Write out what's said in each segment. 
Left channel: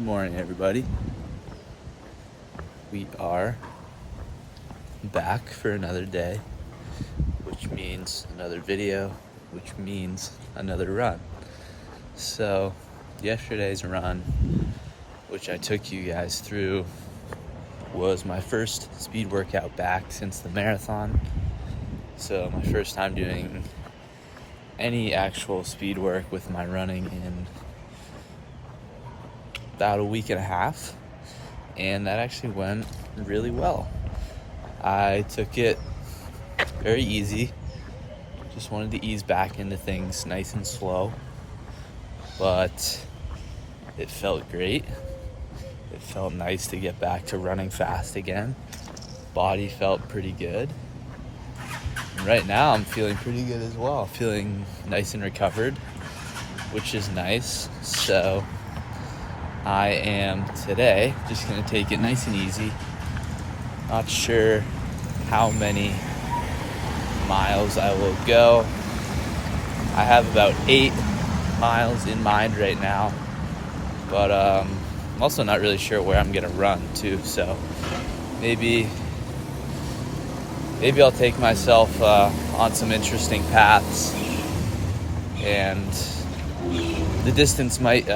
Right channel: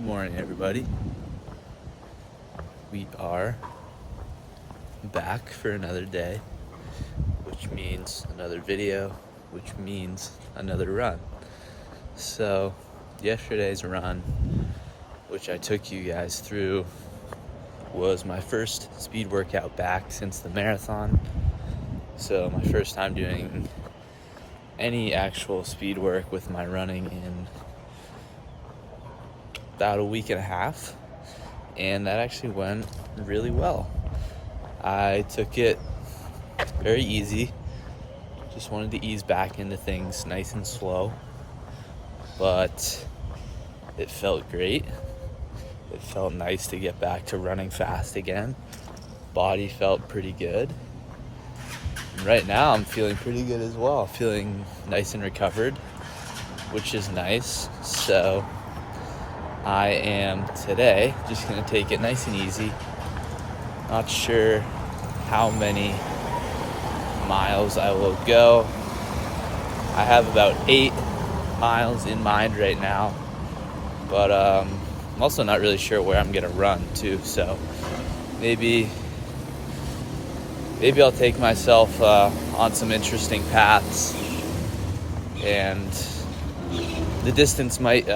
Good morning, everybody. We are back for another day, which means another video, which means another run. So yesterday's run, which I took you guys through, was my first speed workout back since the marathon. So my first time doing any actual speed work with my running in about a week and a half, and that actually went really well. I took it very easy, just wanted to ease back into things nice and slow, but it felt great. It felt nice to get back to running fast again. Body felt pretty good. And right now I'm feeling pretty good as well, feeling nice and recovered, which is nice. So I am today just gonna take it nice and easy. Not sure how many miles I will go. I have about 8 miles in mind right now, but I'm also not really sure where I'm gonna run to. So maybe I'll take myself on some interesting paths, and the distance might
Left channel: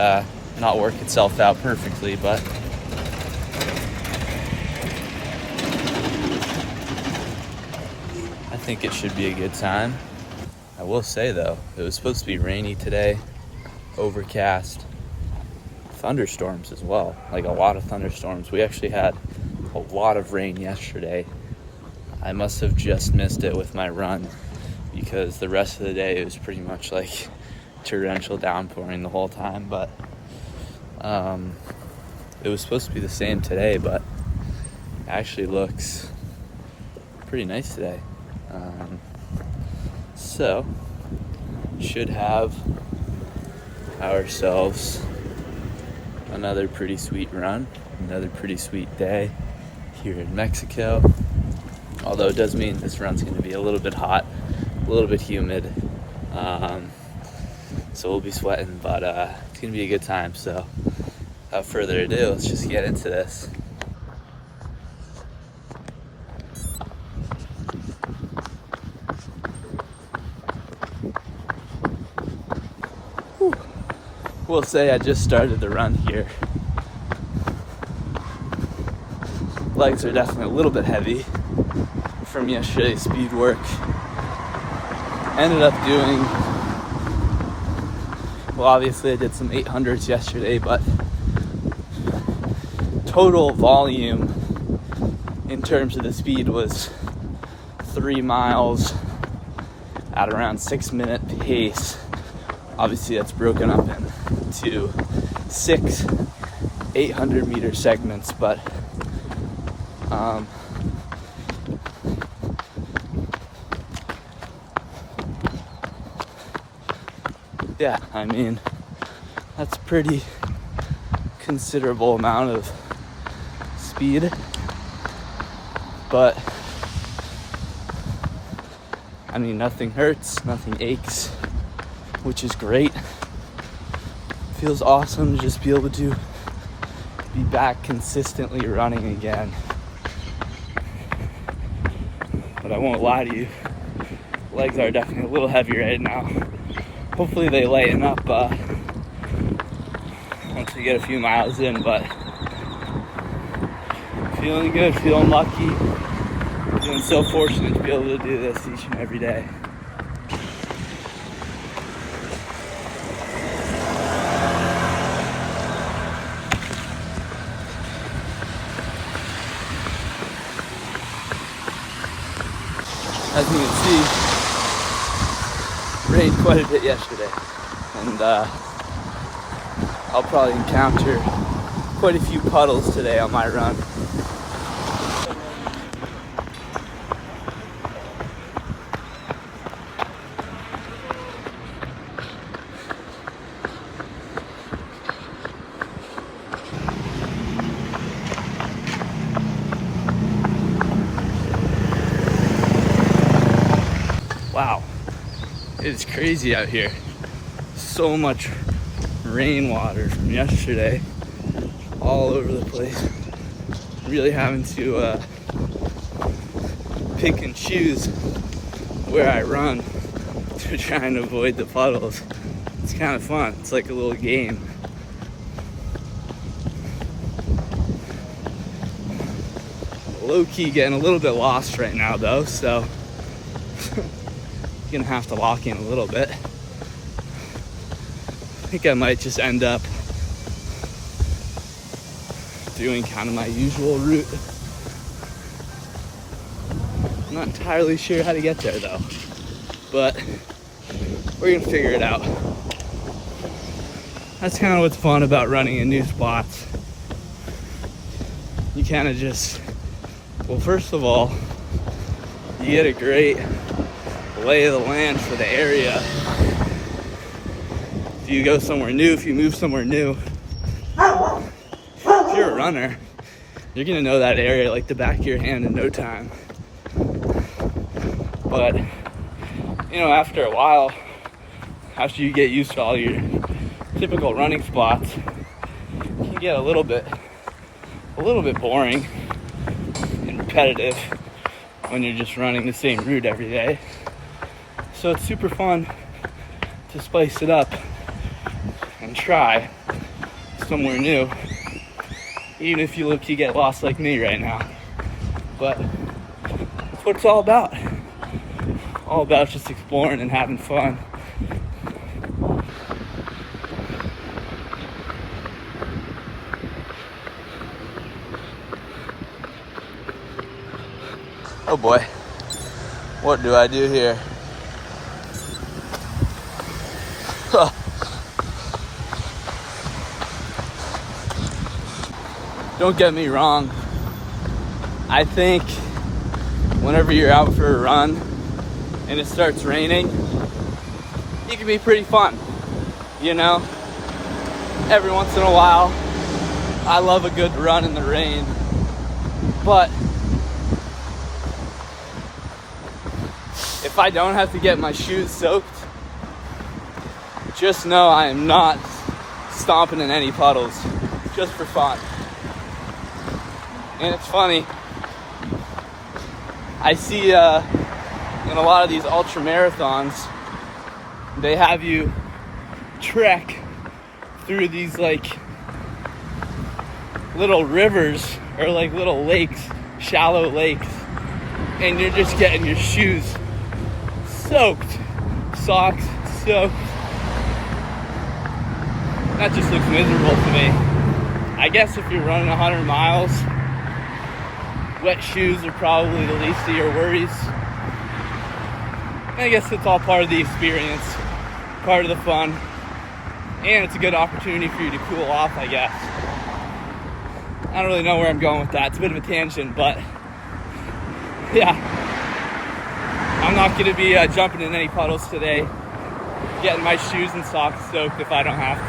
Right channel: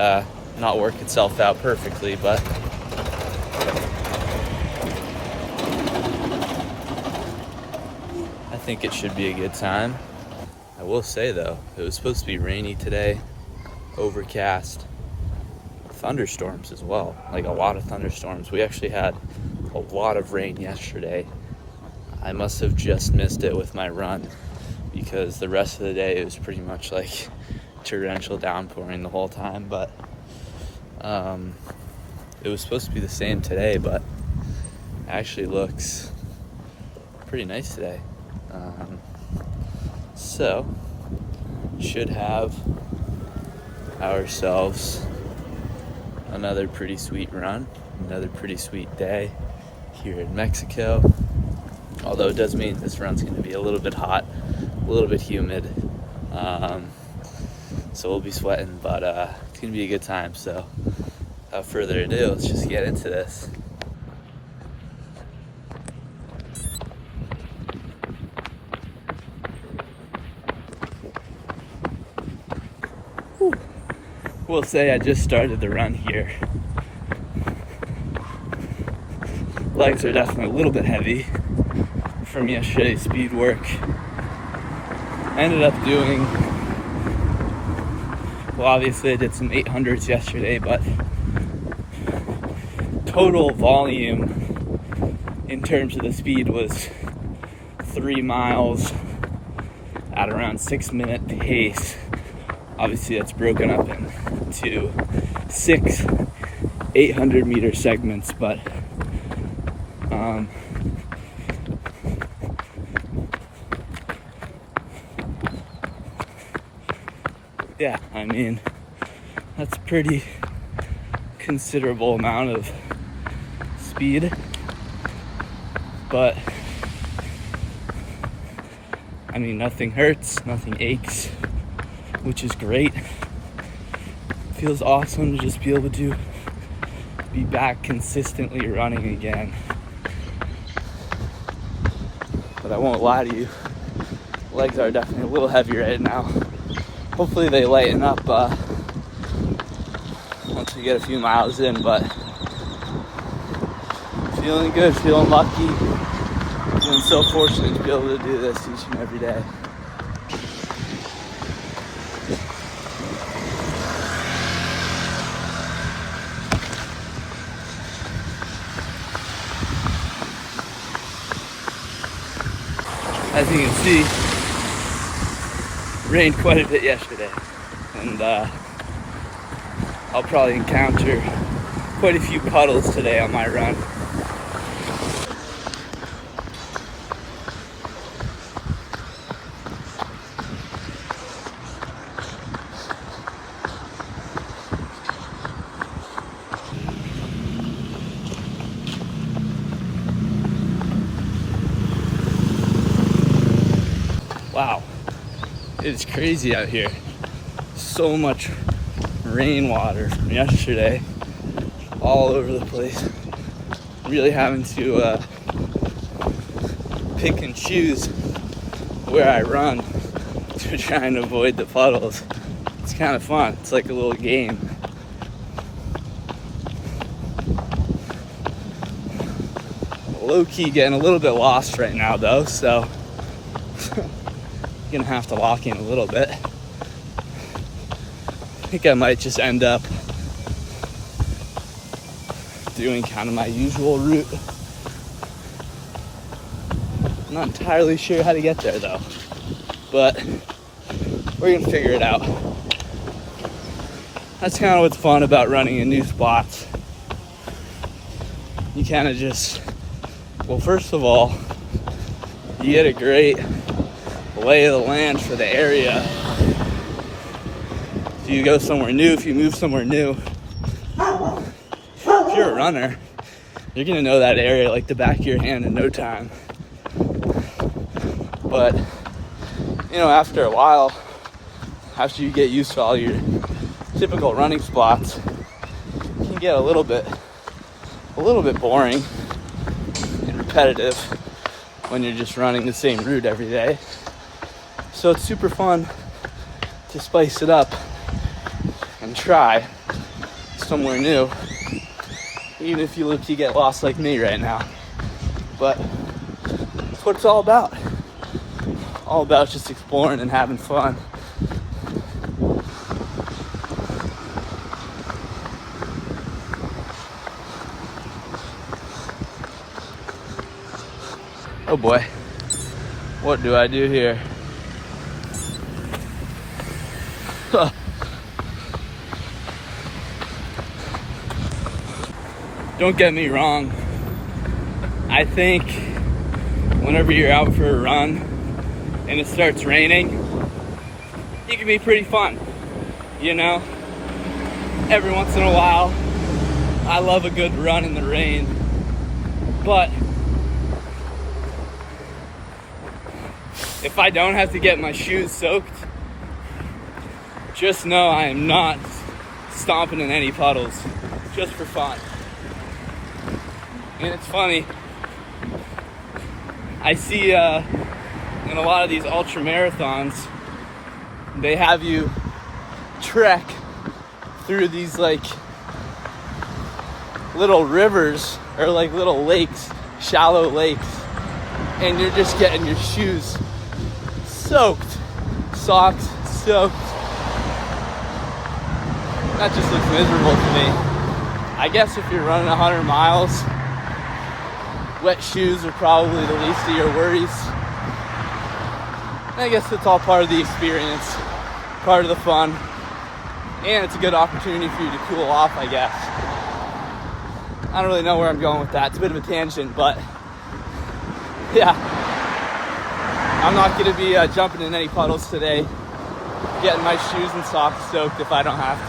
not work itself out perfectly, but I think it should be a good time. I will say though, it was supposed to be rainy today, overcast, thunderstorms as well, like a lot of thunderstorms. We actually had a lot of rain yesterday. I must have just missed it with my run, because the rest of the day it was pretty much like torrential downpouring the whole time. But it was supposed to be the same today, but it actually looks pretty nice today. So should have ourselves another pretty sweet run, another pretty sweet day here in Mexico. Although it does mean this run's going to be a little bit hot, a little bit humid, so we'll be sweating, but it's going to be a good time. So without further ado, let's just get into this. We'll say I just started the run here. Legs are definitely a little bit heavy from yesterday's speed work. Ended up doing, well, obviously I did some 800s yesterday, but total volume in terms of the speed was 3 miles at around 6-minute pace. Obviously that's broken up into 6 800-meter segments, but yeah, I mean, that's pretty considerable amount of speed, but I mean, nothing hurts, nothing aches, which is great. Feels awesome to just be able to be back consistently running again. But I won't lie to you, legs are definitely a little heavy right now. Hopefully they lighten up once we get a few miles in, but feeling good, feeling lucky, feeling so fortunate to be able to do this each and every day. As you can see, it rained quite a bit yesterday, and I'll probably encounter quite a few puddles today on my run. Wow, it's crazy out here. So much rainwater from yesterday all over the place. Really having to pick and choose where I run to try and avoid the puddles. It's kind of fun. It's like a little game. Low-key getting a little bit lost right now though, so gonna have to lock in a little bit. I think I might just end up doing kind of my usual route. I'm not entirely sure how to get there though, but we're gonna figure it out. That's kind of what's fun about running in new spots. You kind of just, well, first of all, you get a great lay of the land for the area. If you go somewhere new, if you move somewhere new, if you're a runner, you're gonna know that area like the back of your hand in no time. But, you know, after a while, after you get used to all your typical running spots, it can get a little bit boring and repetitive when you're just running the same route every day. So it's super fun to spice it up and try somewhere new, even if you get lost like me right now. But that's what it's all about. All about just exploring and having fun. Oh boy, what do I do here? Don't get me wrong. I think whenever you're out for a run and it starts raining, it can be pretty fun. You know, every once in a while, I love a good run in the rain, but if I don't have to get my shoes soaked, just know I am not stomping in any puddles, just for fun. And it's funny, I see in a lot of these ultra marathons, they have you trek through these like little rivers or like little lakes, shallow lakes, and you're just getting your shoes soaked, socks soaked. That just looks miserable to me. I guess if you're running 100 miles, wet shoes are probably the least of your worries. And I guess it's all part of the experience, part of the fun, and it's a good opportunity for you to cool off, I guess. I don't really know where I'm going with that. It's a bit of a tangent, but yeah. I'm not going to be jumping in any puddles today, getting my shoes and socks soaked if I don't have to.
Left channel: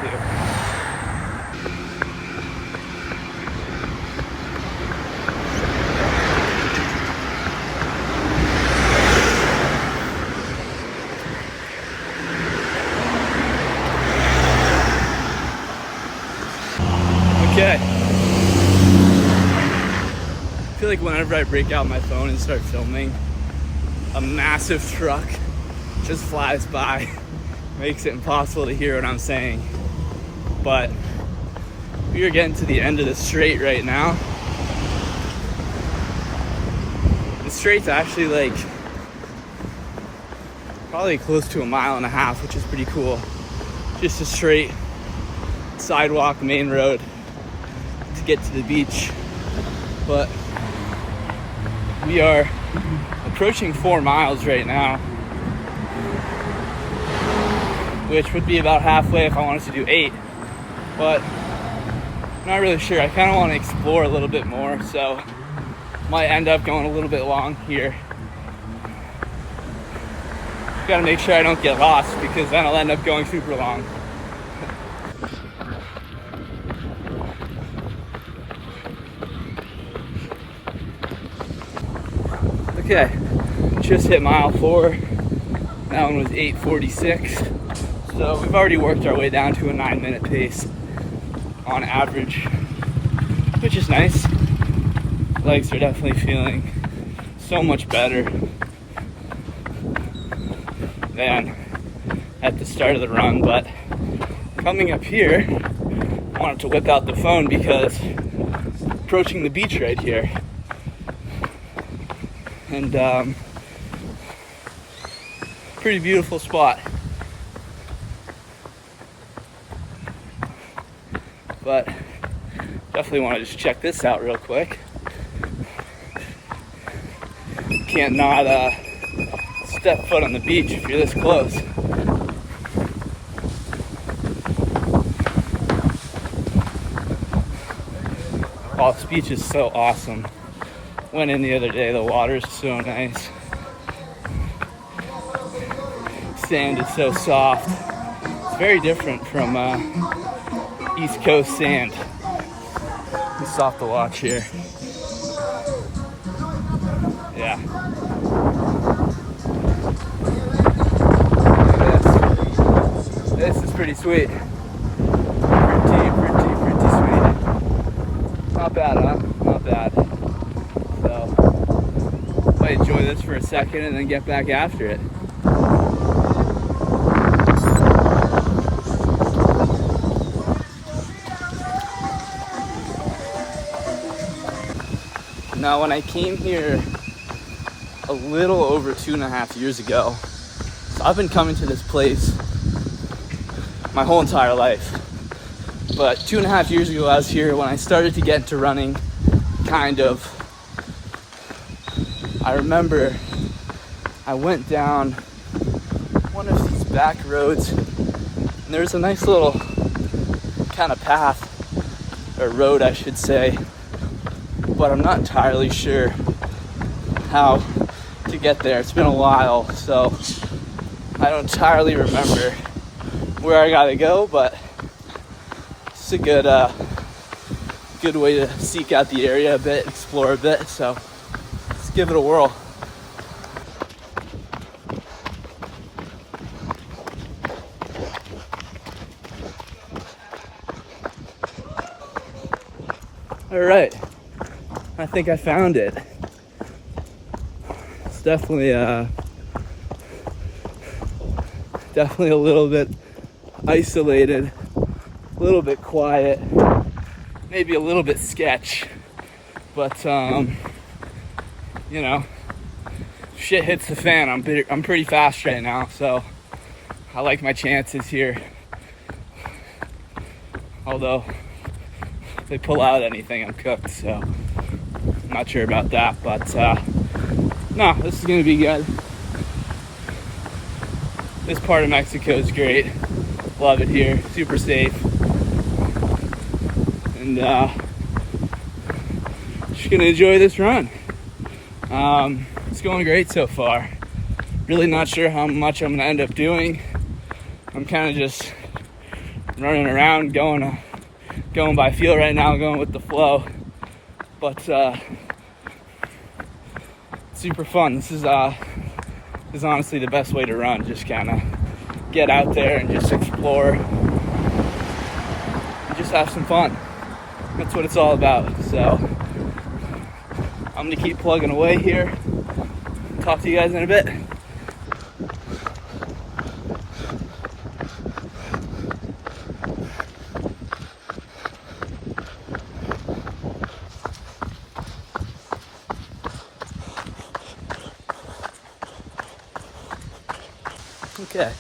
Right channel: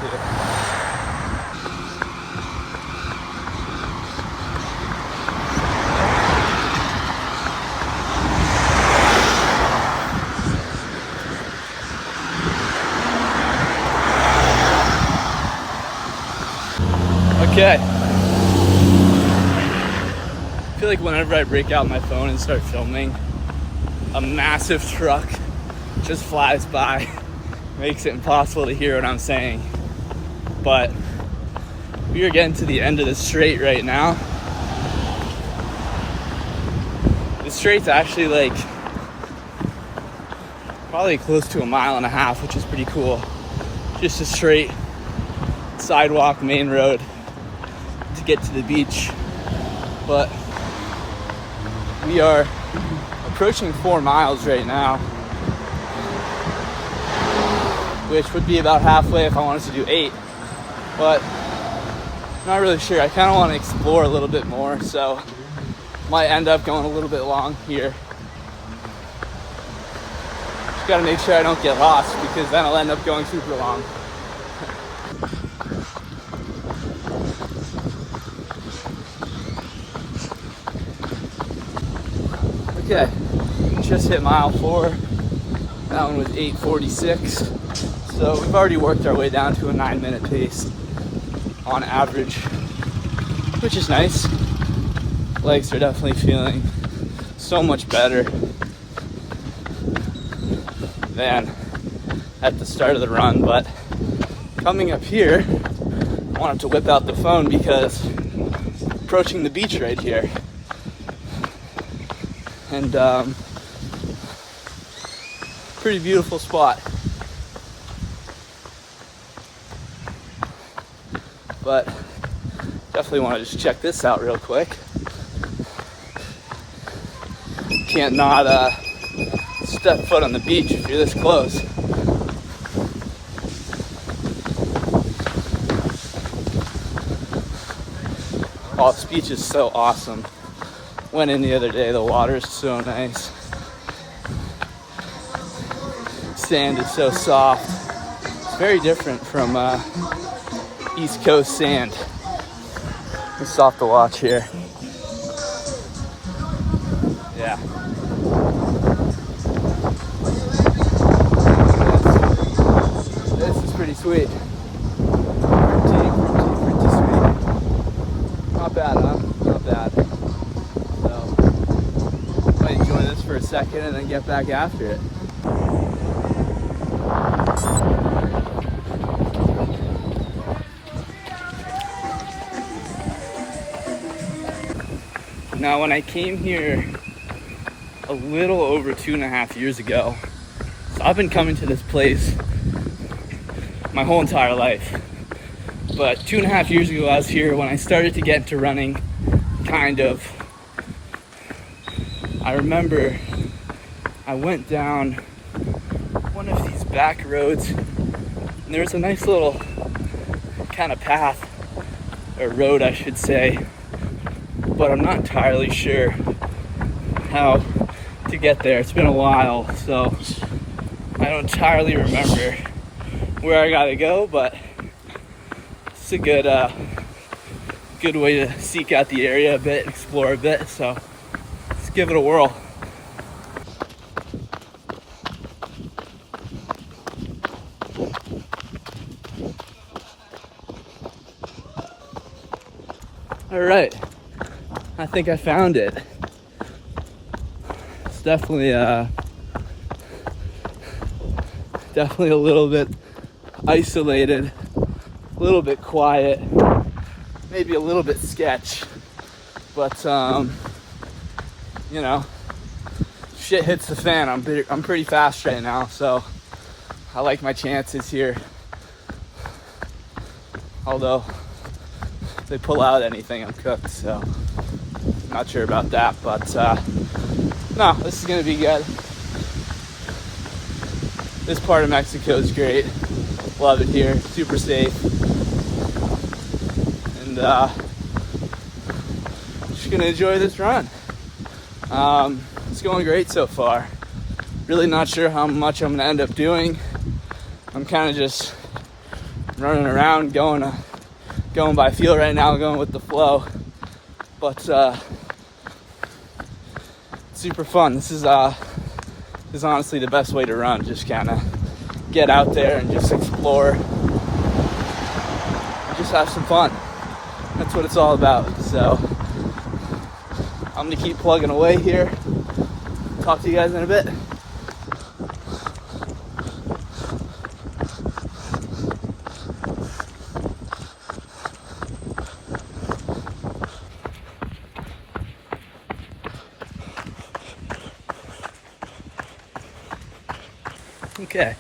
Okay. I feel like whenever I break out my phone and start filming, a massive truck just flies by, makes it impossible to hear what I'm saying. But we are getting to the end of the straight right now. The straight's actually like probably close to 1.5 miles, which is pretty cool. Just a straight sidewalk, main road to get to the beach. But we are approaching 4 miles right now, which would be about halfway if I wanted to do 8, but I'm not really sure. I kind of want to explore a little bit more, so might end up going a little bit long here. Just gotta make sure I don't get lost, because then I'll end up going super long. Okay, just hit mile 4. That one was 8:46. So we've already worked our way down to a 9-minute pace on average. which is nice. Legs are definitely feeling so much better than at the start of the run. But coming up here, I wanted to whip out the phone because approaching the beach right here, and pretty beautiful spot. But definitely want to just check this out real quick. Can't not step foot on the beach if you're this close. Oh, this beach is so awesome. Went in the other day, the water is so nice. Sand is so soft. It's very different from East Coast sand. It's soft to watch here. Yeah. This is pretty sweet. Pretty sweet. Not bad, huh? Not bad. So, might enjoy this for a second and then get back after it. Now, when I came here a little over 2.5 years ago, so I've been coming to this place my whole entire life. But 2.5 years ago, I was here when I started to get into running, kind of. I remember I went down one of these back roads, and there's a nice little kind of path, or road, I should say, but I'm not entirely sure how to get there. It's been a while, so I don't entirely remember where I gotta go, but it's a good way to seek out the area a bit, explore a bit, so let's give it a whirl. All right, I think I found it. It's definitely a little bit isolated, a little bit quiet, maybe a little bit sketch, but you know, shit hits the fan. I'm pretty fast right now, so I like my chances here. Although if they pull out anything, I'm cooked, so I'm not sure about that, but no, this is gonna be good. This part of Mexico is great. Love it here, super safe. And just gonna enjoy this run. It's going great so far. Really not sure how much I'm gonna end up doing. I'm kind of just running around, going by feel right now, going with the flow. But super fun. This is honestly the best way to run. Just kind of get out there and just explore. Just have some fun. That's what it's all about. So I'm gonna keep plugging away here. Talk to you guys in a bit. Okay,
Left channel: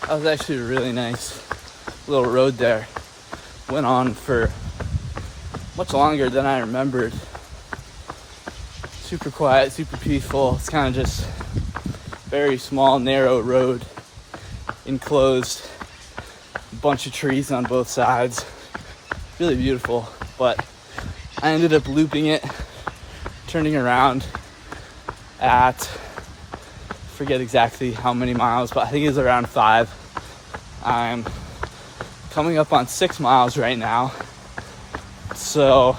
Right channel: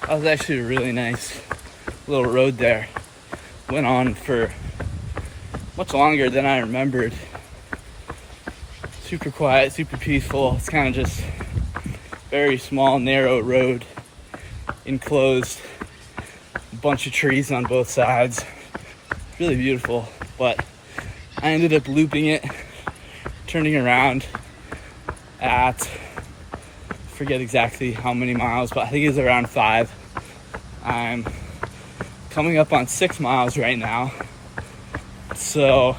that was actually a really nice little road there. Went on for much longer than I remembered. Super quiet, super peaceful. It's kind of just very small, narrow road, enclosed, a bunch of trees on both sides. Really beautiful, but I ended up looping it, turning around at, forget exactly how many miles, but I think it was around 5. I'm coming up on 6 miles right now. So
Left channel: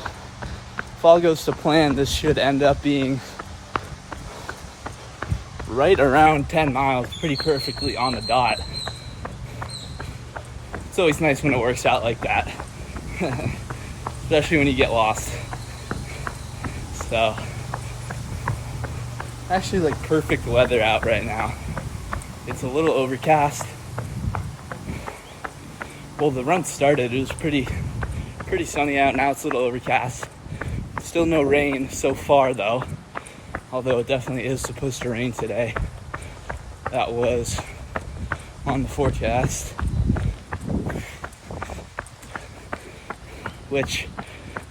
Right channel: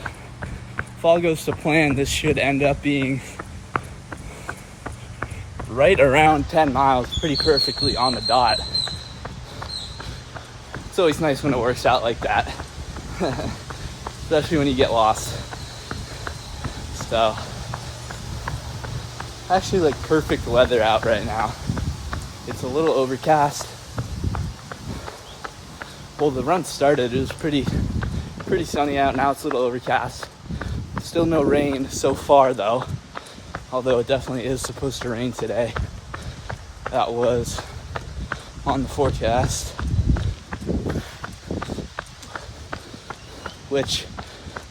if all goes to plan, this should end up being right around 10 miles, pretty perfectly on the dot. It's always nice when it works out like that. especially when you get lost. So, actually like perfect weather out right now. It's a little overcast. Well, the run started, it was pretty sunny out. Now it's a little overcast. Still no rain so far though, although it definitely is supposed to rain today. That was on the forecast, which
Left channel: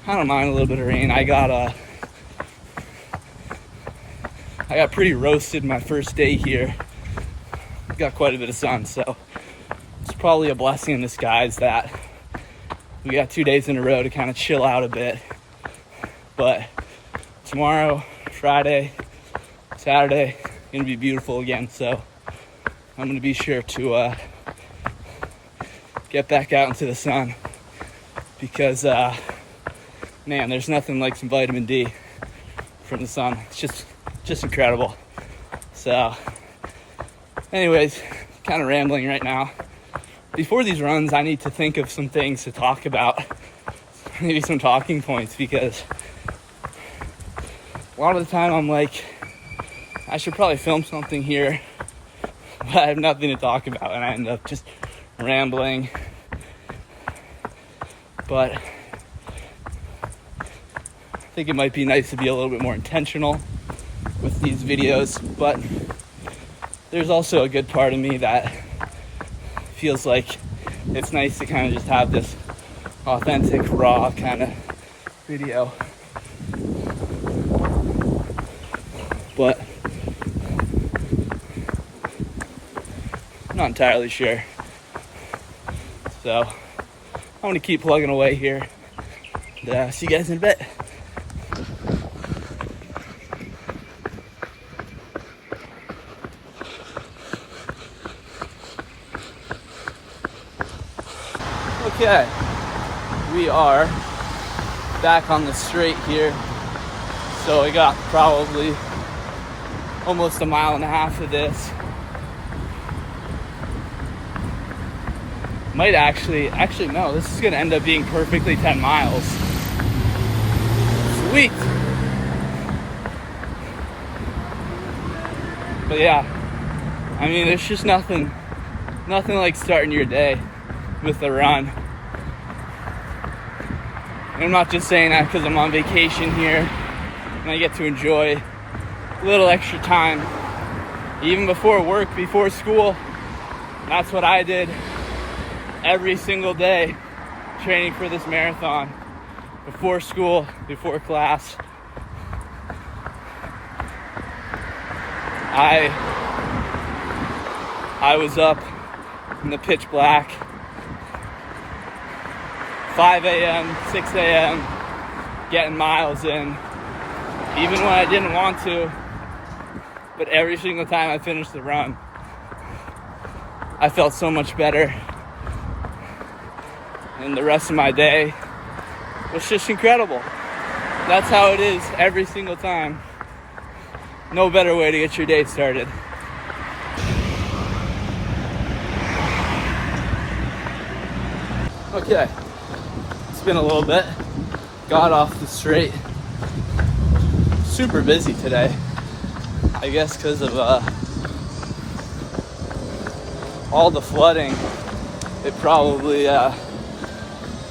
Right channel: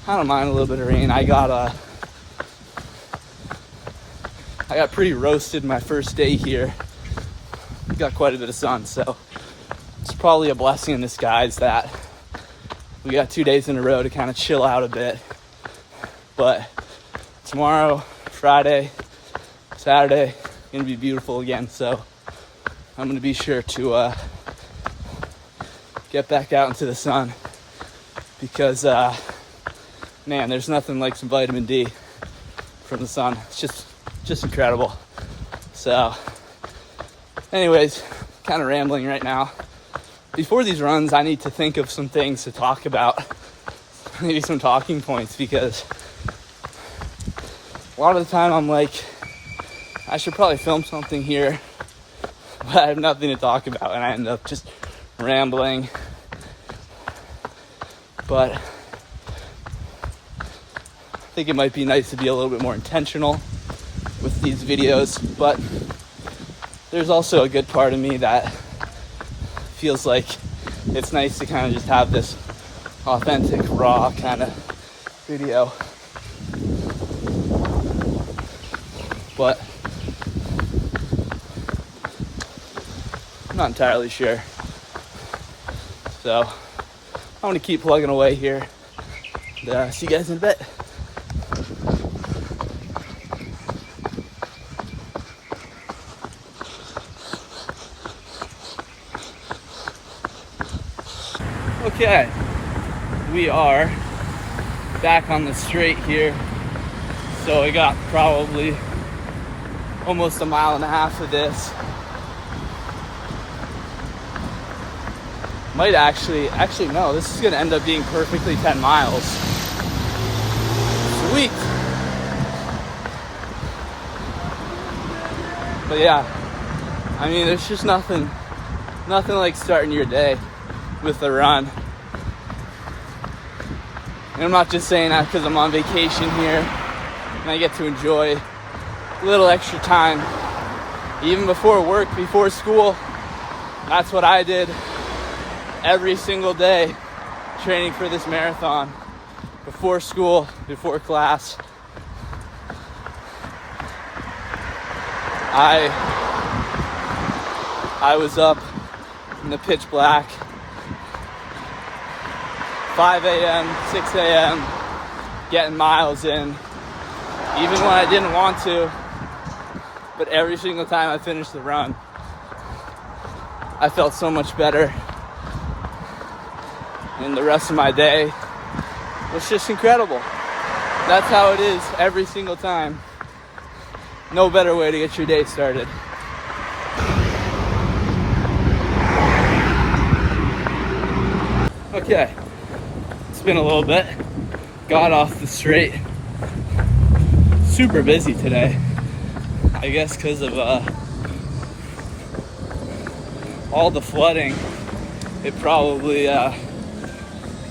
I don't mind a little bit of rain. I got pretty roasted my first day here. Got quite a bit of sun, so it's probably a blessing in disguise that we got 2 days in a row to kind of chill out a bit. But tomorrow, Friday, Saturday, gonna be beautiful again, so I'm gonna be sure to get back out into the sun, because man, there's nothing like some vitamin D from the sun. It's just incredible. So anyways, kind of rambling right now. Before these runs, I need to think of some things to talk about, maybe some talking points, because a lot of the time I'm like, I should probably film something here, but I have nothing to talk about, and I end up just rambling. But I think it might be nice to be a little bit more intentional with these videos, but there's also a good part of me that feels like it's nice to kind of just have this authentic, raw kind of video. But I'm not entirely sure. So I'm gonna keep plugging away here, and see you guys in a bit. Okay, we are back on the straight here. So I got probably almost a mile and a half of this. Might actually no, this is gonna end up being perfectly 10 miles. Sweet. But yeah, I mean, there's just nothing like starting your day with a run. And I'm not just saying that because I'm on vacation here and I get to enjoy a little extra time. Even before work, before school, that's what I did every single day, training for this marathon. Before school, before class, I was up in the pitch black, 5 a.m., 6 a.m., getting miles in, even when I didn't want to. But every single time I finished the run, I felt so much better. And the rest of my day was just incredible. That's how it is every single time. No better way to get your day started. Okay, it's been a little bit. Got off the straight. Super busy today. I guess because of all the flooding, it probably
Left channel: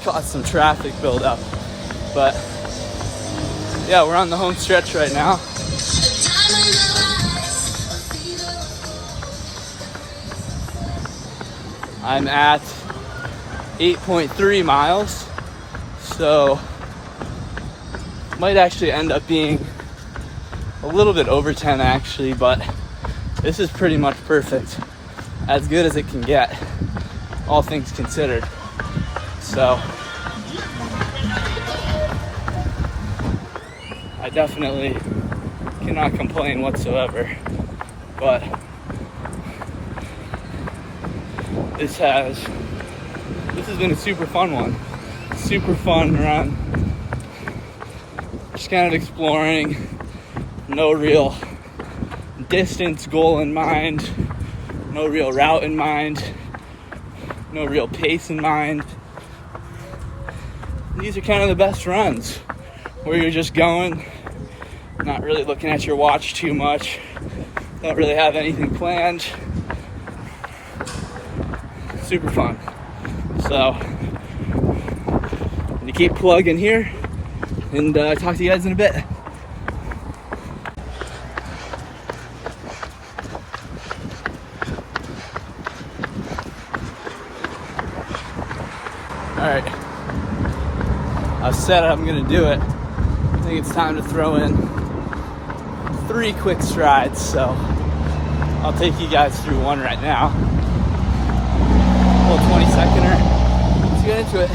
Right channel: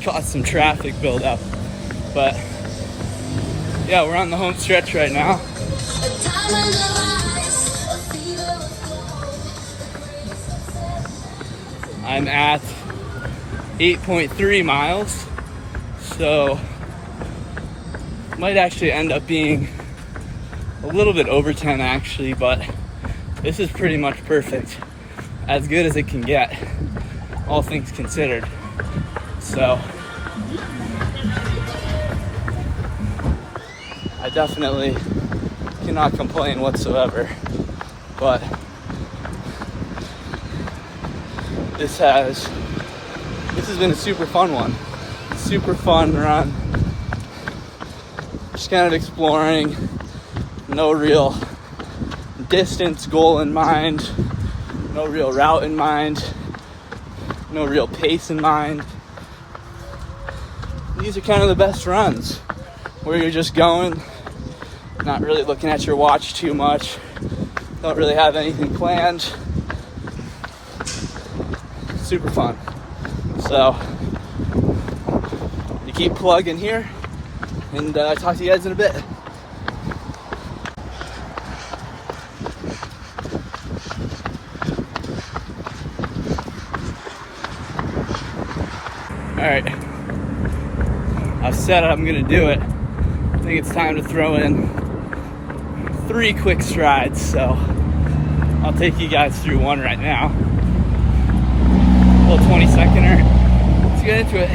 caused some traffic buildup. But yeah, we're on the home stretch right now. I'm at 8.3 miles, so might actually end up being a little bit over 10 actually, but this is pretty much perfect, as good as it can get, all things considered. So I definitely cannot complain whatsoever. But this has been a super fun one. Super fun run. Just kind of exploring. No real distance goal in mind. No real route in mind. No real pace in mind. these are kind of the best runs where you're just going, not really looking at your watch too much, don't really have anything planned. Super fun. So, to keep plugging here, and talk to you guys in a bit. All right, I've said I'm gonna do it. I think it's time to throw in 3 quick strides, so I'll take you guys through one right now. A little 20-seconder. Let's get into it.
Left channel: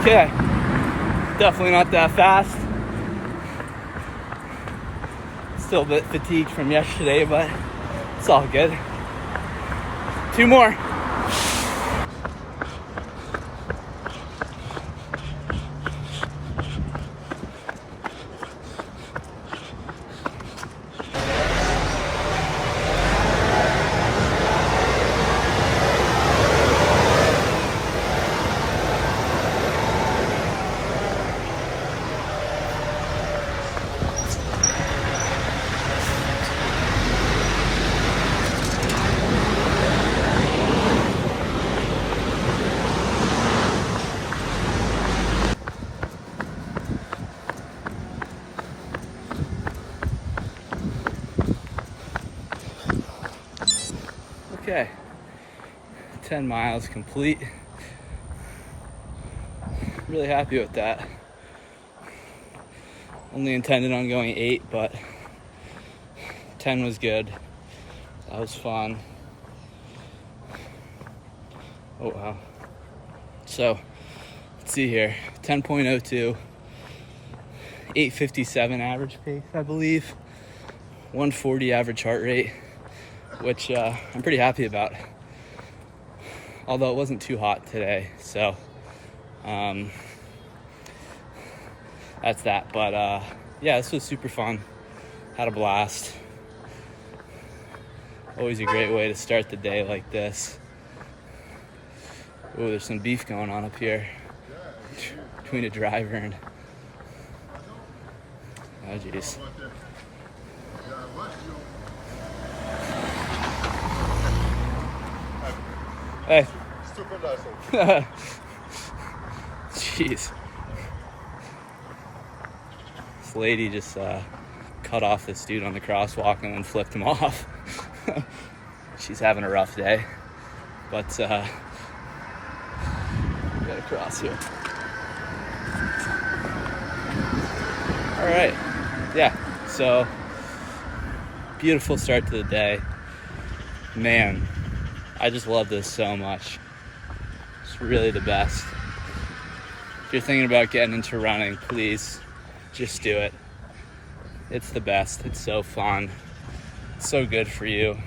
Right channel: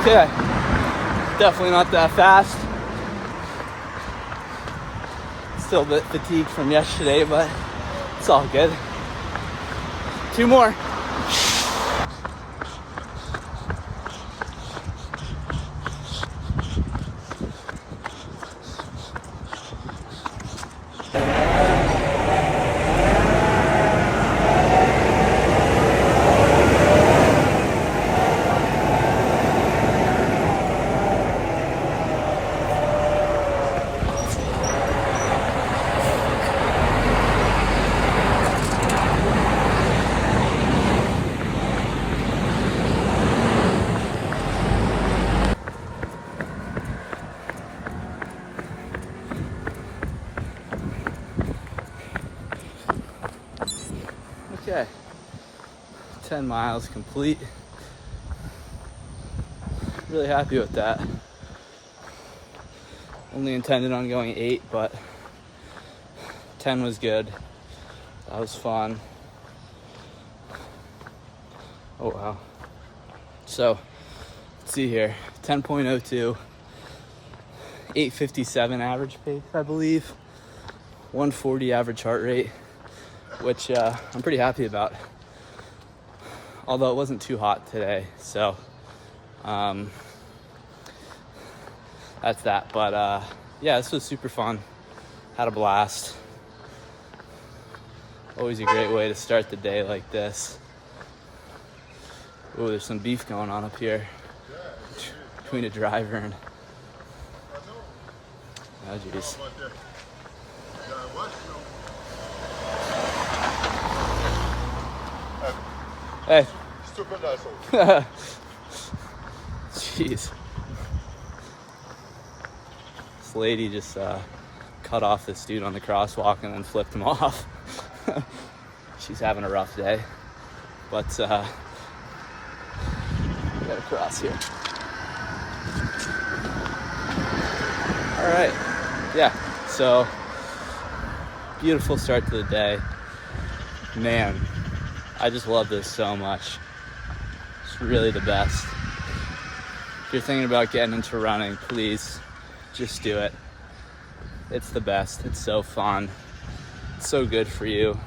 Okay, definitely not that fast. Still a bit fatigued from yesterday, but it's all good. 2 more. Okay, 10 miles complete. Really happy with that. Only intended on going 8, but 10 was good. That was fun. Oh wow. So, let's see here. 10.02, 8:57 average pace, I believe. 140 average heart rate, which I'm pretty happy about. Although it wasn't too hot today, so that's that. But yeah, this was super fun. Had a blast. Always a great way to start the day like this. Oh, there's some beef going on up here between a driver and... Oh, geez. Hey. Jeez. This lady just cut off this dude on the crosswalk and then flipped him off. She's having a rough day. But we gotta cross here. All right. Yeah. So beautiful start to the day. Man, I just love this so much. It's really the best. If you're thinking about getting into running, please just do it. It's the best. It's so fun. It's so good for you.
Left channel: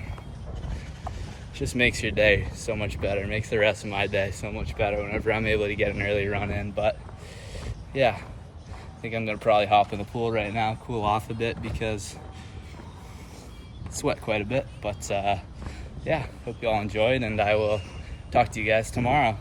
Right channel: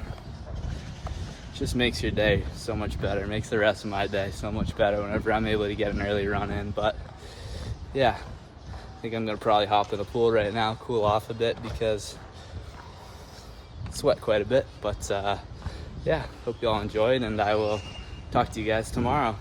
Just makes your day so much better. It makes the rest of my day so much better whenever I'm able to get an early run in. But yeah, I think I'm gonna probably hop in the pool right now, cool off a bit because I sweat quite a bit. But yeah, hope you all enjoyed, and I will talk to you guys tomorrow.